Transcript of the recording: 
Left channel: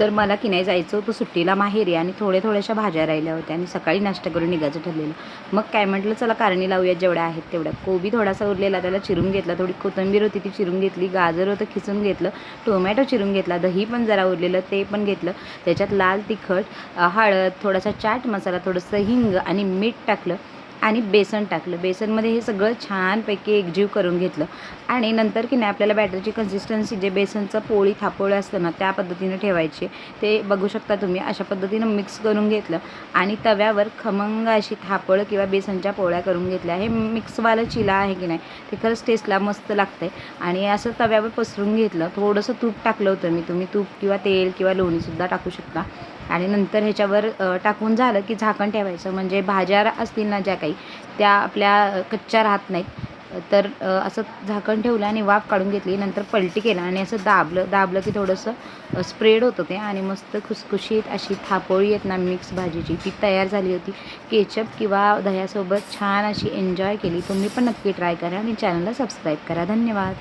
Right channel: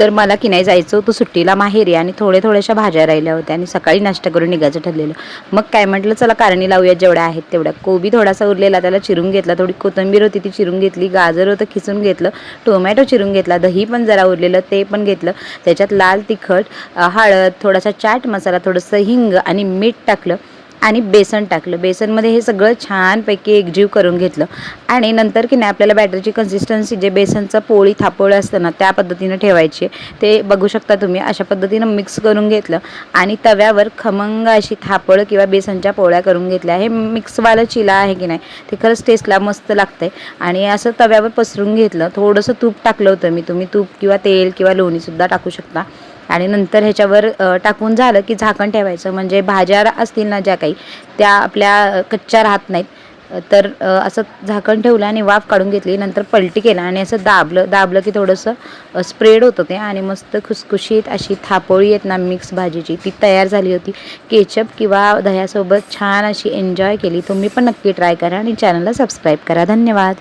तर मला की नाही जायचं होतं सुट्टीला माहेरी आणि थोड्या थोड्याशा भाज्या राहिल्या होत्या आणि सकाळी नाश्ता करून निघायचं ठरलेलं. मग काय म्हटलं चला कारणी लावूया जेवढ्या आहेत तेवढ्या. कोबी थोडासा उरलेला त्याला चिरून घेतला थोडी कोथिंबीर होती ती चिरून घेतली गाजर होतं खिसून घेतलं टोमॅटो चिरून घेतला दही पण जरा उरलेलं ते पण घेतलं. त्याच्यात लाल तिखट हळद थोडासा चाट मसाला थोडंसं हिंग आणि मीठ टाकलं. आणि बेसन टाकलं. बेसनमध्ये हे सगळं छानपैकी एकजीव करून घेतलं. आणि नंतर की नाही आपल्याला बॅटरची कन्सिस्टन्सी जे बेसनचं पोळी थापोळं असतं ना त्या पद्धतीनं ठेवायची. ते बघू शकता तुम्ही अशा पद्धतीनं मिक्स करून घेतलं. आणि तव्यावर खमंग अशी थापळ किंवा बेसनच्या पोळ्या करून घेतल्या. हे मिक्सवालं चिला आहे की नाही ते खरंच टेस्टला मस्त लागतंय. आणि असं तव्यावर पसरून घेतलं. थोडंसं तूप टाकलं होतं मी. तुम्ही तूप किंवा तेल किंवा लोणीसुद्धा टाकू शकता. आणि नंतर ह्याच्यावर टाकून झालं की झाकण ठेवायचं. म्हणजे भाज्या असतील ना ज्या काही त्या आपल्या कच्च्या राहत नाहीत. तर असं झाकण ठेवलं आणि वाफ काढून घेतली. नंतर पलटी केला आणि असं दाबलं दाबलं की थोडंसं स्प्रेड होतं ते आणि मस्त खुसखुशीत अशी थापोळी आहेत ना मिक्स भाजीची. ती तयार झाली होती. केचप किंवा दह्यासोबत छान अशी एन्जॉय केली. तुम्ही पण नक्की ट्राय करा आणि चॅनलला सबस्क्राईब करा. धन्यवाद.